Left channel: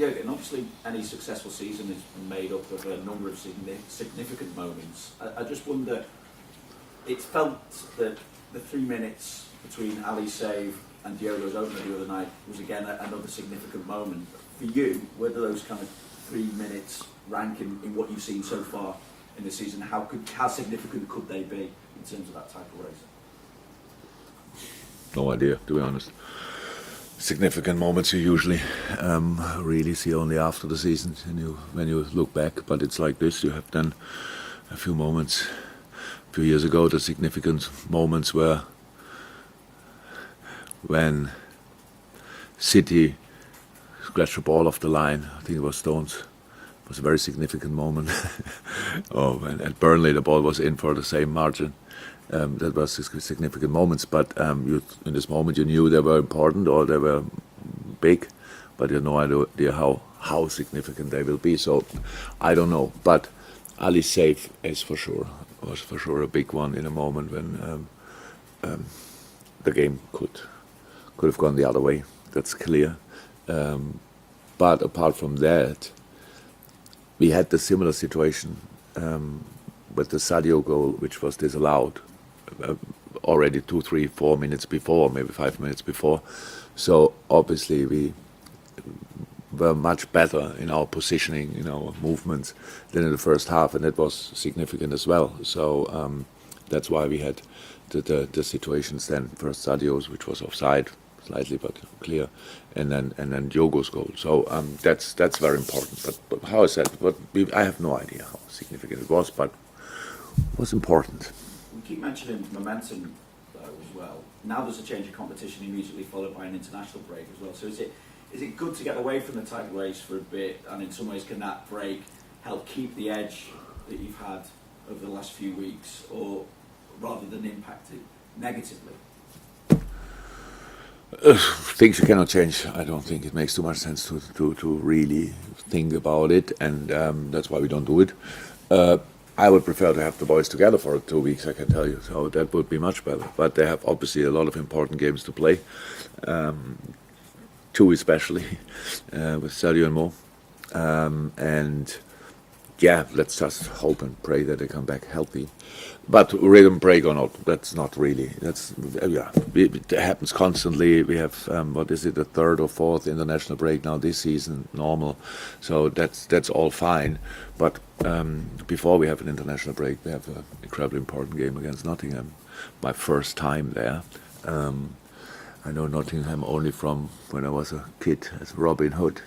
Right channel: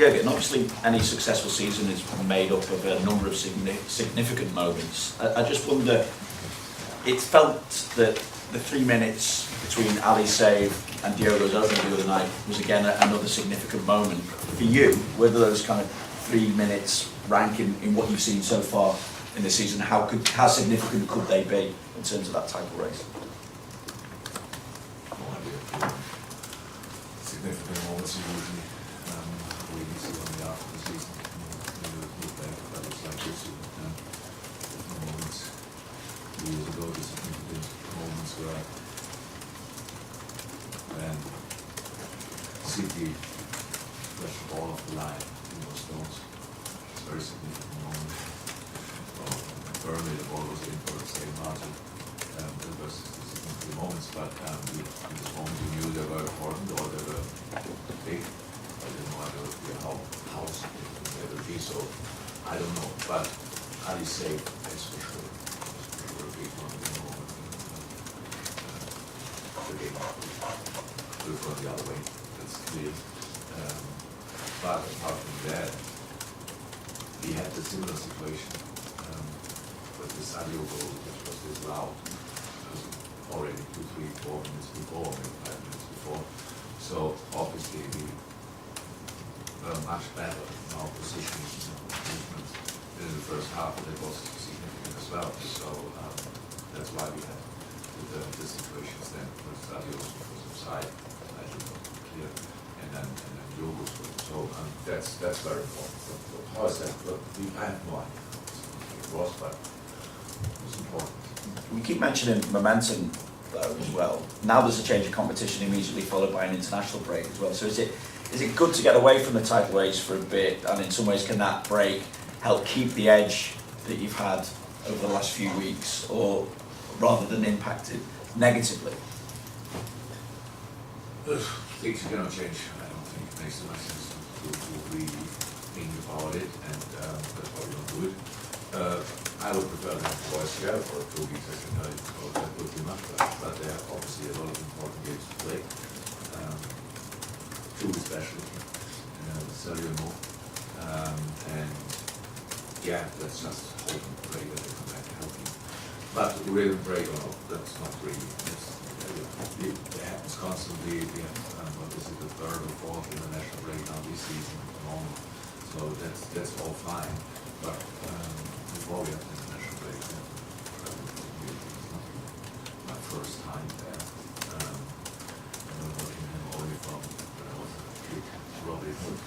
Jürgen, obviously any successful season is made up of a number of significant moments. I just wonder, it felt that the 3 minutes between Ali's save and Diogo's opener the other night was again another significant moment. For you, whether those kind of 3 minutes rank in what you've seen so far in the season, how significant could they be in terms of that type of race? No idea, to be honest. Significant moments you usually really see only after the season when you look back, but it's like this. You have done a few moments 2 years ago. The significant moments were when City scratched the ball off the line. I think it was Stones. It was a very significant moment. And at Burnley the ball was in for the same margin. That was significant moments, but in this moment you knew they were important or they were big, but you had no idea how significant they will be. So I don't know, but Ali's save was for sure a big one in a moment when the game could have gone the other way. That's clear. But apart from that, we had the similar situation with the Sadio goal, which was disallowed already 2, 3, 4 minutes before, maybe 5 minutes before. So obviously we were much better in our positioning, in our movements than in the first half, and that was significant as well. So that's why we had the situations then. First Sadio's, which was offside slightly but clear, and then Diogo's goal. So that's very important. But how is that? I have no idea how significant it was, but it was important. We keep mentioning momentum, though, as well. Now there's a change of competition immediately followed by an international break as well. So is it good to get away from the title race for a bit, and in some ways can that break help keep the edge that you've had over the last few weeks, or rather than impact it negatively? Things you cannot change. I don't think it makes too much sense to really think about it, and that's why we don't do it. I would prefer to have the boys together for 2 weeks, I can tell you. So that would be much better. But they have obviously a lot of important games to play. 2 especially, with Sadio and Mo. And yeah, let's just hope and pray that they come back healthy. But rhythm break or not, that's not really. It happens constantly. We have the 3rd or 4th international break now this season, normal. So that's all fine. But before we have an international break, we have an incredibly important game against Nottingham. My first time there. I know Nottingham only from when I was a kid as Robin Hood.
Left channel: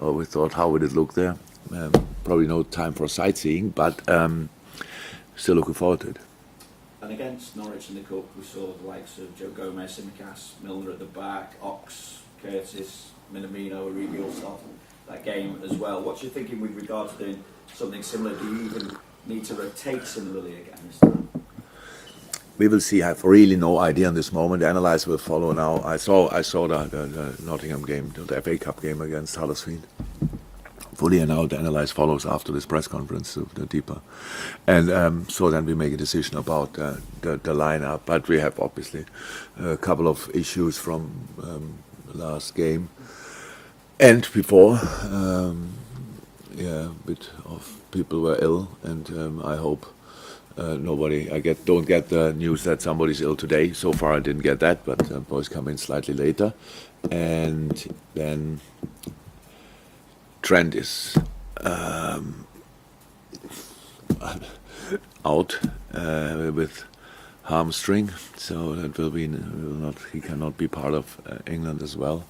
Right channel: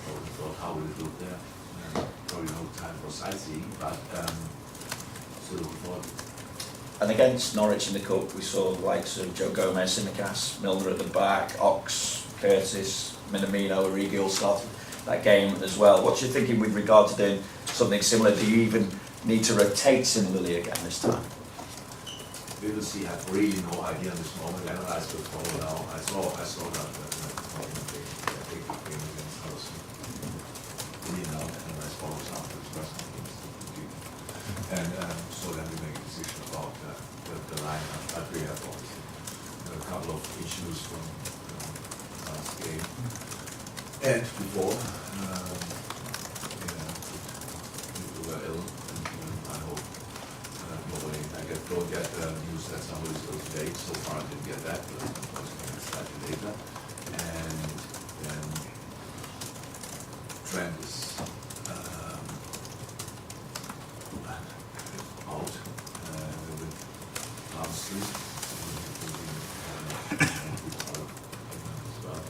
I always thought, how would it look there? Probably no time for sightseeing, but still looking forward to it. And against Norwich in the Cup, we saw the likes of Joe Gomez, Simicas, Milner at the back, Ox, Curtis, Minamino, Origi all started that game as well. What's your thinking with regard to doing something similar? Do you even need to rotate similarly again this time? We will see. I have really no idea in this moment. The analysis will follow now. I saw the Nottingham game, the FA Cup game against Huddersfield. Fully, and now the analysis follows after this press conference, the deeper. And so then we make a decision about the lineup. But we have obviously a couple of issues from last game and before. A bit of people were ill, and I hope don't get the news that somebody's ill today. So far I didn't get that, but boys come in slightly later. And then TRENT is out with hamstring, so it will be he cannot be part of England as well.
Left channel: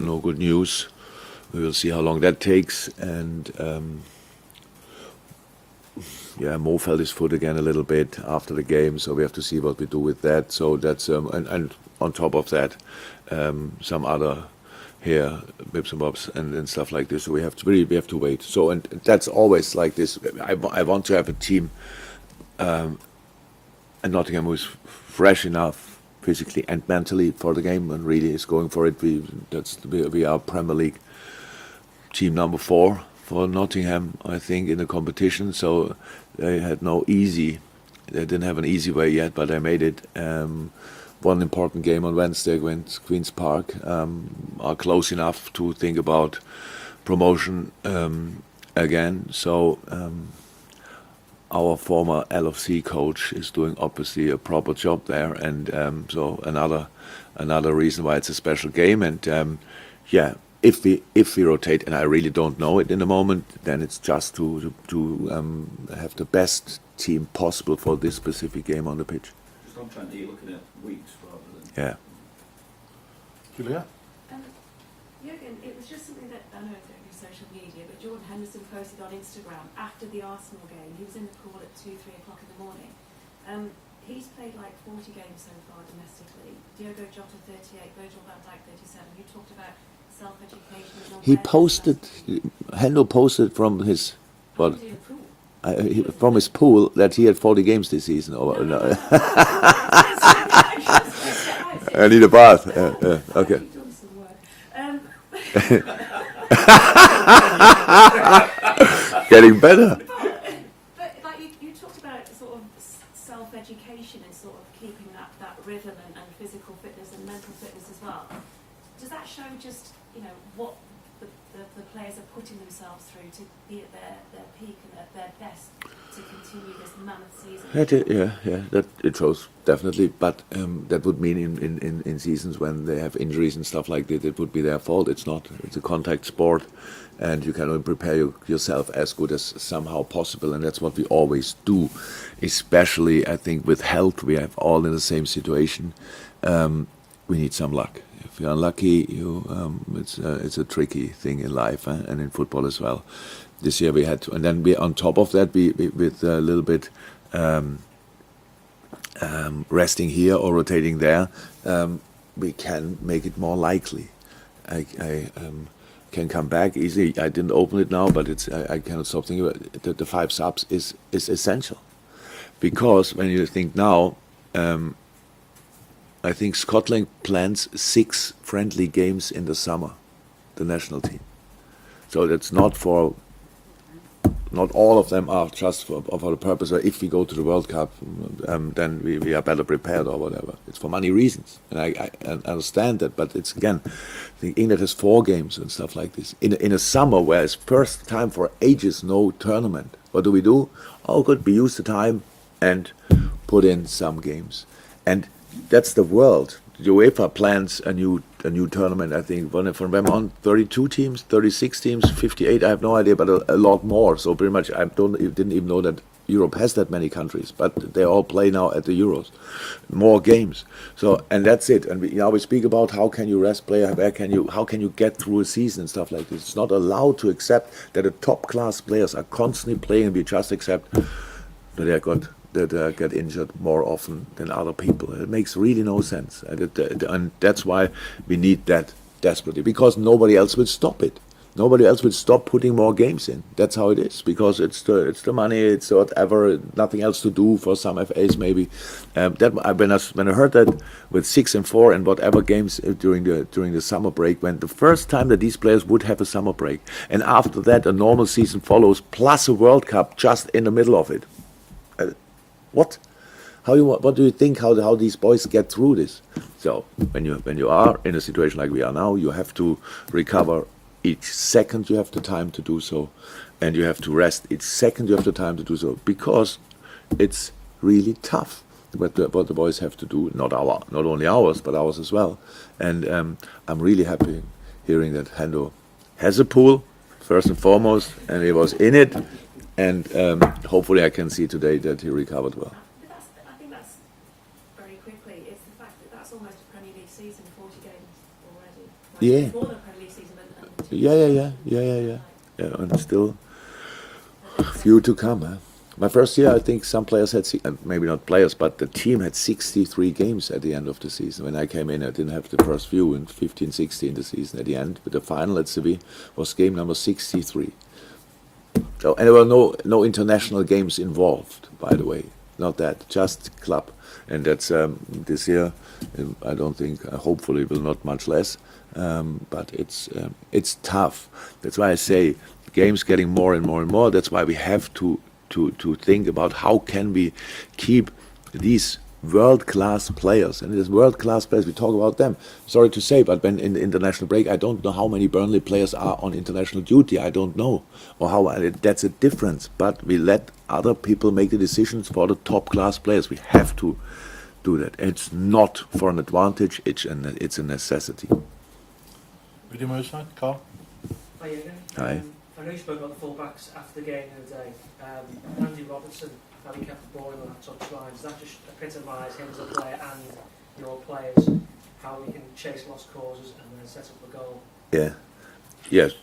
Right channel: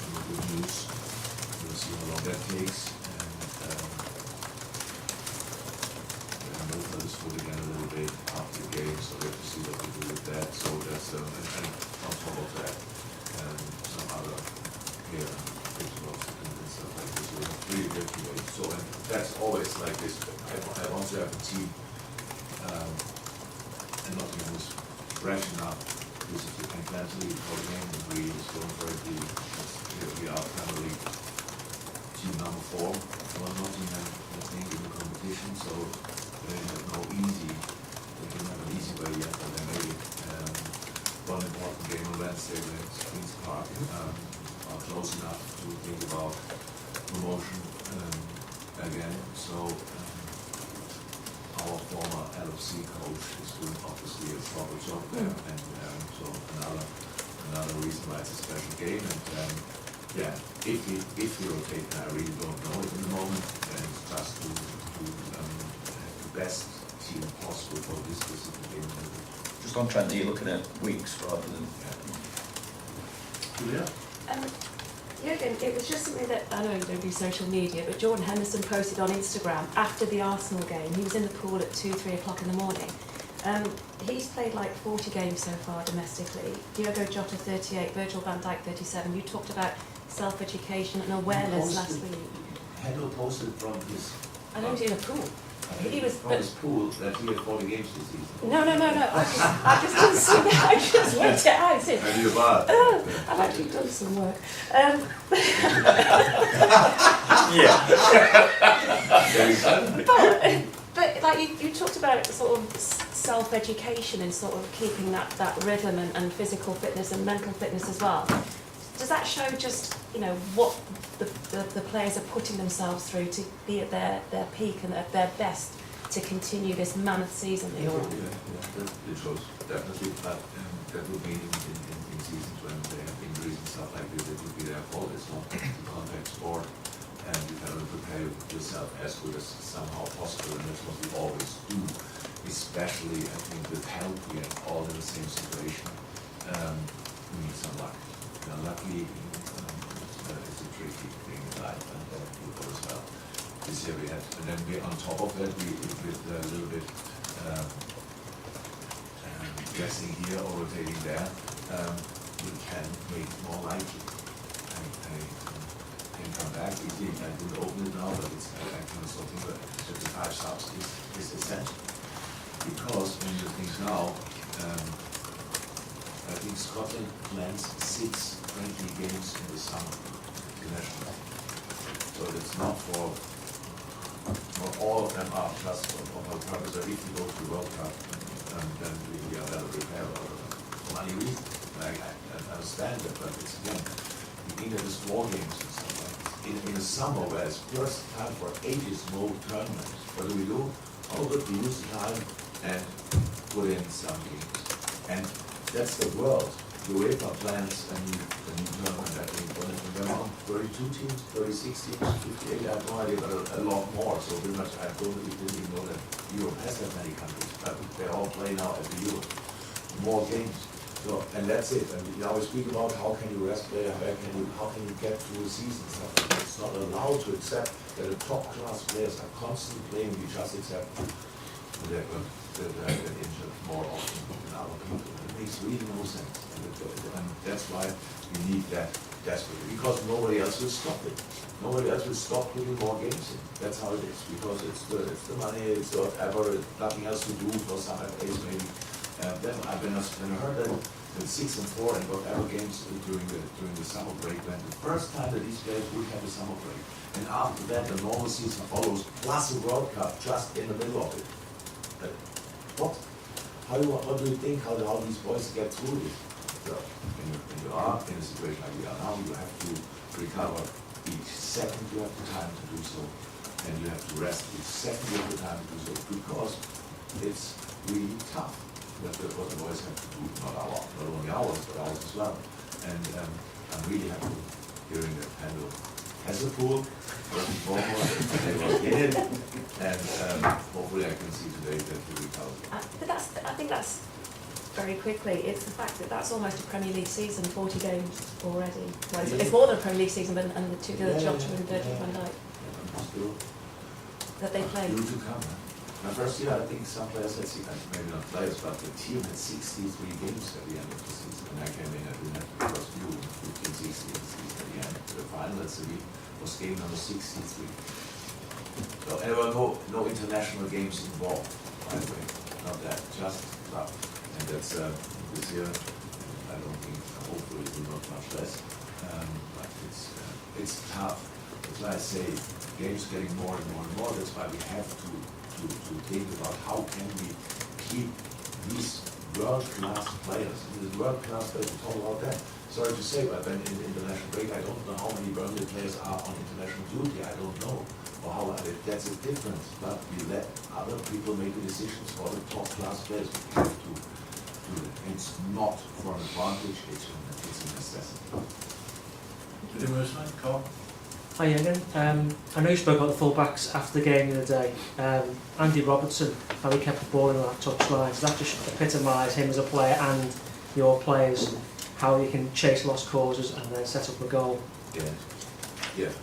No good news. We will see how long that takes, and Mo felt his foot again a little bit after the game, so we have to see what we do with that. So that's and on top of that, some other here bits and bobs and stuff like this. So we have to wait. So and that's always like this. I want to have a team, and Nottingham who is fresh enough physically and mentally for the game and really is going for it. We are Premier League team number 4 for Nottingham, I think, in the competition. So they didn't have an easy way yet, but they made it. one important game on Wednesday against Queen's Park, are close enough to think about promotion again. So our former LFC coach is doing obviously a proper job there, and so another reason why it's a special game. And yeah, if we rotate, and I really don't know it in the moment, then it's just to have the best team possible for this specific game on the pitch. Just on Trent, you're looking at weeks rather than... Yeah. Julia? Jürgen, it was just something that, I know you don't do social media, but Jordan Henderson posted on Instagram after the Arsenal game. He was in the pool at 2-3 o'clock in the morning. He's played like 40 games so far domestically. Diogo Jota 38, Virgil van Dijk 37. You talked about self-education and He awareness posted, last week. Hendo posted from his, I was in a pool. from his pool that he had 40 games this season. Or No. I just worked it out. I need a bath. I've Okay. actually done some work. Getting better. But like you talked about sort of self-education and sort of keeping that rhythm and physical fitness and mental fitness as well. Does that show just, you know, what the players are putting themselves through to be at their peak and at their best to continue this mammoth season? That it shows definitely, but that would mean in seasons when they have injuries and stuff like that, it would be their fault. It's not. It's a contact sport, and you can only prepare yourself as good as somehow possible, and that's what we always do. Especially, I think, with health, we are all in the same situation. We need some luck. If you're unlucky, it's a tricky thing in life, and in football as well. This year we had, and then we on top of that, we with a little bit resting here or rotating there, we can make it more likely. I can come back easily. I didn't open it now, but I cannot stop thinking about it. The 5 subs is essential, because when you think now, I think Scotland plans 6 friendly games in the summer, the national team. So that's not all of them are just for the purpose of if we go to the World Cup, then we are better prepared or whatever. It's for money reasons, and I understand that, but it's again, the England has 4 games and stuff like this. In a summer where it's first time for ages no tournament, what do? Oh good, we use the time and put in some games. And that's the world. The UEFA plans a new tournament, I think, from them on 32 teams, 36 teams, 58, I have no idea, but a lot more. So pretty much I didn't even know that Europe has that many countries, but they all play now at the Euros. More games. So, and that's it. And we speak about how can you rest player, how can you get through a season and stuff like this. It's not allowed to accept that the top class players are constantly playing, and we just accept that they get injured more often than other people. It makes really no sense, and that's why we need that desperately, because nobody else will stop it. Nobody else will stop putting more games in. That's how it is, because it's the money, it's whatever, nothing else to do for some FAs maybe. When I heard that with 6 and 4 and whatever games during the summer break, when the first time that these players would have a summer break, and after that a normal season follows plus a World Cup just in the middle of it. What do you think how these boys get through this? So when you are in a situation like we are now, you have to recover each second you have the time to do so, and you have to rest each second you have the time to do so, because it's really tough what the boys have to do. Not only ours, but ours as well. And I'm really happy hearing that Hendo has a pool first and foremost, and he was in it. And hopefully I can see today that he recovered well. But I think that's very quickly. It's the fact that that's almost a Premier League season, 40 games already. Well, Yeah. It's more than a Premier League season and the 2 Yeah, and still a few to come. Huh? My first year, I think some players had, maybe not players, but the team had 63 games at the end of the season. When I came in, I didn't have the first few in 15, 16 the season at the end. But the final at Seville was game number 63. So, and there were no international games involved, by the way. Not that, just club. And that's this year, I don't think, hopefully will not much less. But it's tough. That's why I say games getting more and more and more. That's why we have to think about how can we keep these world-class players, and these world-class players, we talk about them. Sorry to say, but when in the international break, I don't know how many Burnley players are on international duty. I don't know, or how that's a difference. But we let other people make the decisions for the top-class players. We have to do that. It's not for an advantage. It's a necessity. Video more side, Carl? Hi Jürgen. I know you spoke about the full-backs after the game the other day. Andy Robertson, how he kept the ball in that touchline, does that just epitomise him as a player and your players, how you can chase lost causes and then set up a goal? Yeah. Yes.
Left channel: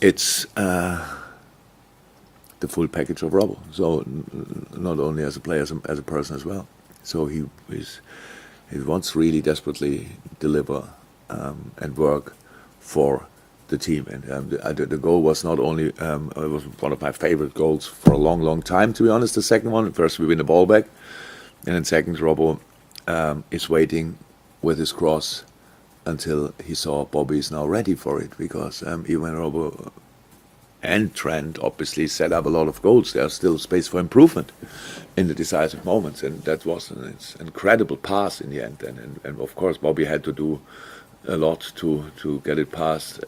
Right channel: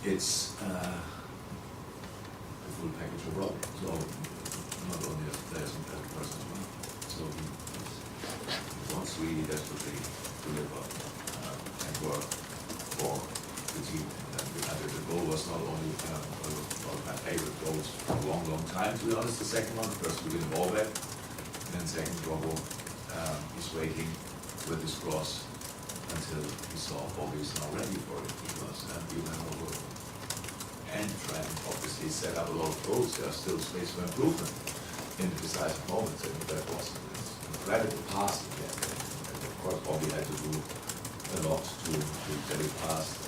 It's the full package of Robbo. So not only as a player, as a person as well. So he wants really desperately deliver and work for the team. And the goal was not only it was one of my favorite goals for a long, long time. To be honest, the second one, first we win the ball back, and then second, Robbo is waiting with his cross until he saw Bobby is now ready for it, because even Robbo and Trent obviously set up a lot of goals. There's still space for improvement in the decisive moments, and that was an incredible pass in the end. And of course, Bobby had to do a lot to get it past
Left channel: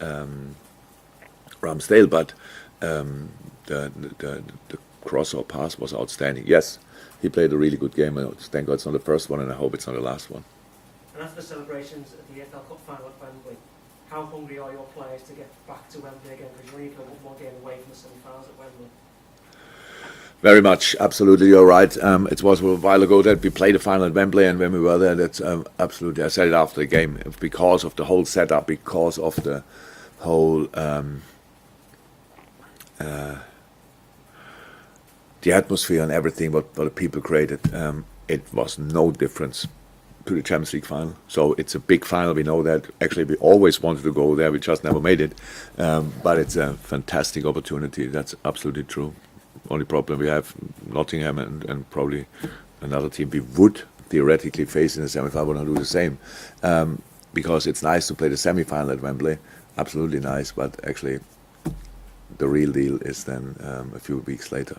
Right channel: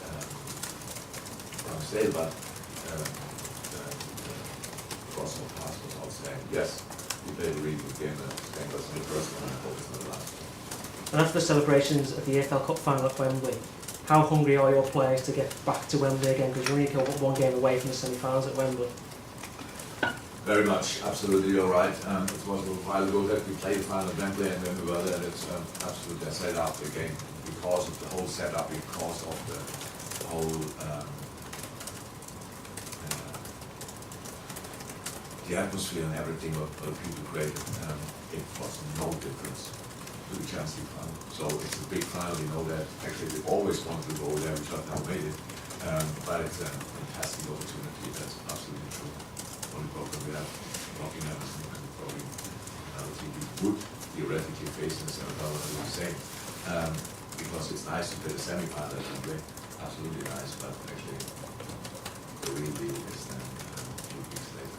Ramsdale, but the cross or pass was outstanding. Yes, he played a really good game. Thank God it's not the first one, and I hope it's not the last one. And after the celebrations of the EFL Cup final at Wembley, how hungry are your players to get back to Wembley again? Because you're only one game away from the semi-finals at Wembley. Very much, absolutely, you're right. It was a while ago that we played the final at Wembley, and when we were there, that's absolutely, I said it after the game, because of the whole setup, because of the whole the atmosphere and everything what the people created, it was no difference to the Champions League final. So it's a big final, we know that. Actually, we always wanted to go there, we just never made it. But it's a fantastic opportunity, that's absolutely true. Only problem we have, Nottingham and probably another team we would theoretically face in the semi-final, want to do the same. Because it's nice to play the semi-final at Wembley, absolutely nice, but actually the real deal is then a few weeks later.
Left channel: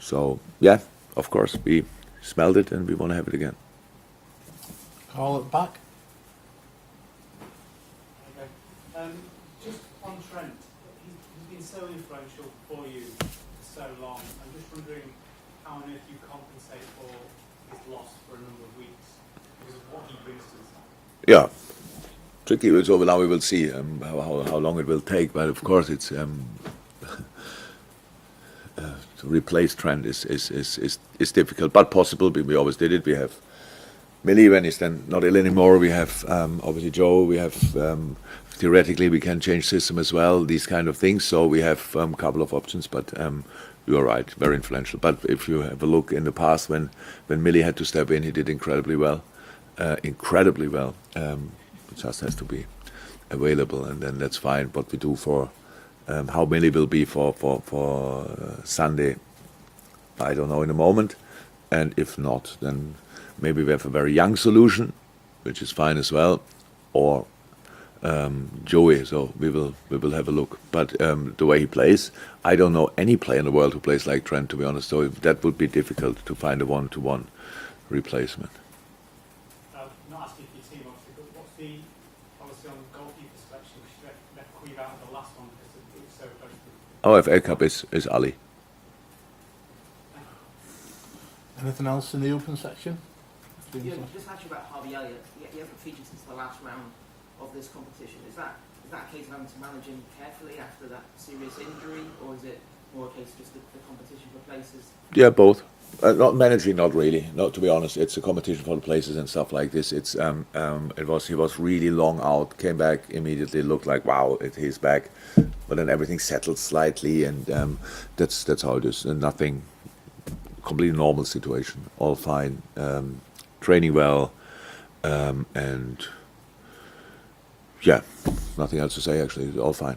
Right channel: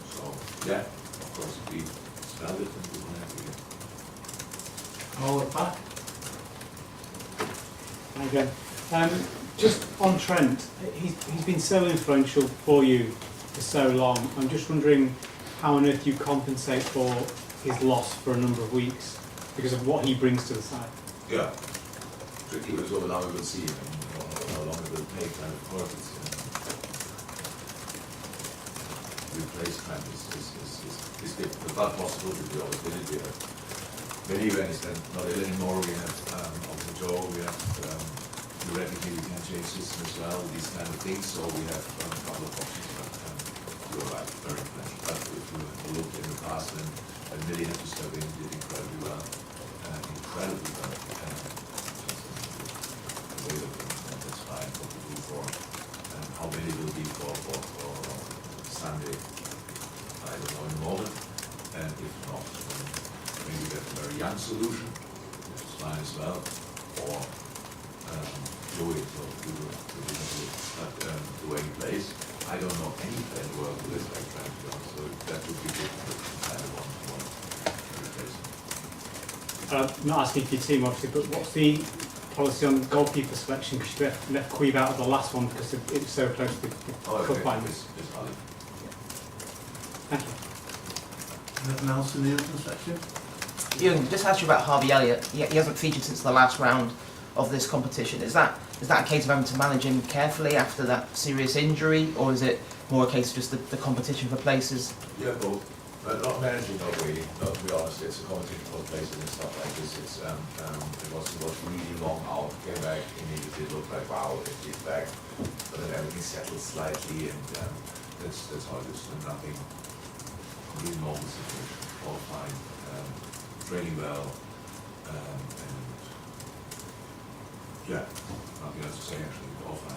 So yeah, of course, we smelled it and we want to have it again. Carl at the back? Okay. Just on Trent, he's been so influential for you for so long. I'm just wondering how on earth you compensate for his loss for a number of weeks because of what he brings to the side. Yeah, tricky. So now we will see how long it will take. But of course, it's to replace Trent is difficult, but possible. We always did it. We have Millie when he's then not ill anymore. We have obviously Joe. We have theoretically we can change system as well. These kind of things. So we have a couple of options. But you are right, very influential. But if you have a look in the past when Millie had to step in, he did incredibly well. Just has to be available, and then that's fine. What we do for how Millie will be for Sunday, I don't know in a moment. And if not, then maybe we have a very young solution, which is fine as well, or Joey. So we will have a look. But the way he plays, I don't know any player in the world who plays like Trent, to be honest. So that would be difficult to find a one-to-one replacement. I'm not asking for your team, obviously, but what's the policy on goalkeeper selection? Because you left Queeve out of the last one because it was so close to the OFA Cup is Ali. Thank you. Anything else in the open section? Jürgen, just ask you about Harvey Elliott. He hasn't featured since the last round of this competition. Is that a case of having to manage him carefully after that serious injury, or is it more a case of just the competition for places? Yeah, both. Not managing, not really. Not to be honest, it's a competition for the places and stuff like this. It's he was really long out, came back immediately, looked like wow, he's back, but then everything settled slightly, and that's how it is. Nothing, completely normal situation, all fine, training well, and yeah, nothing else to say actually, all fine.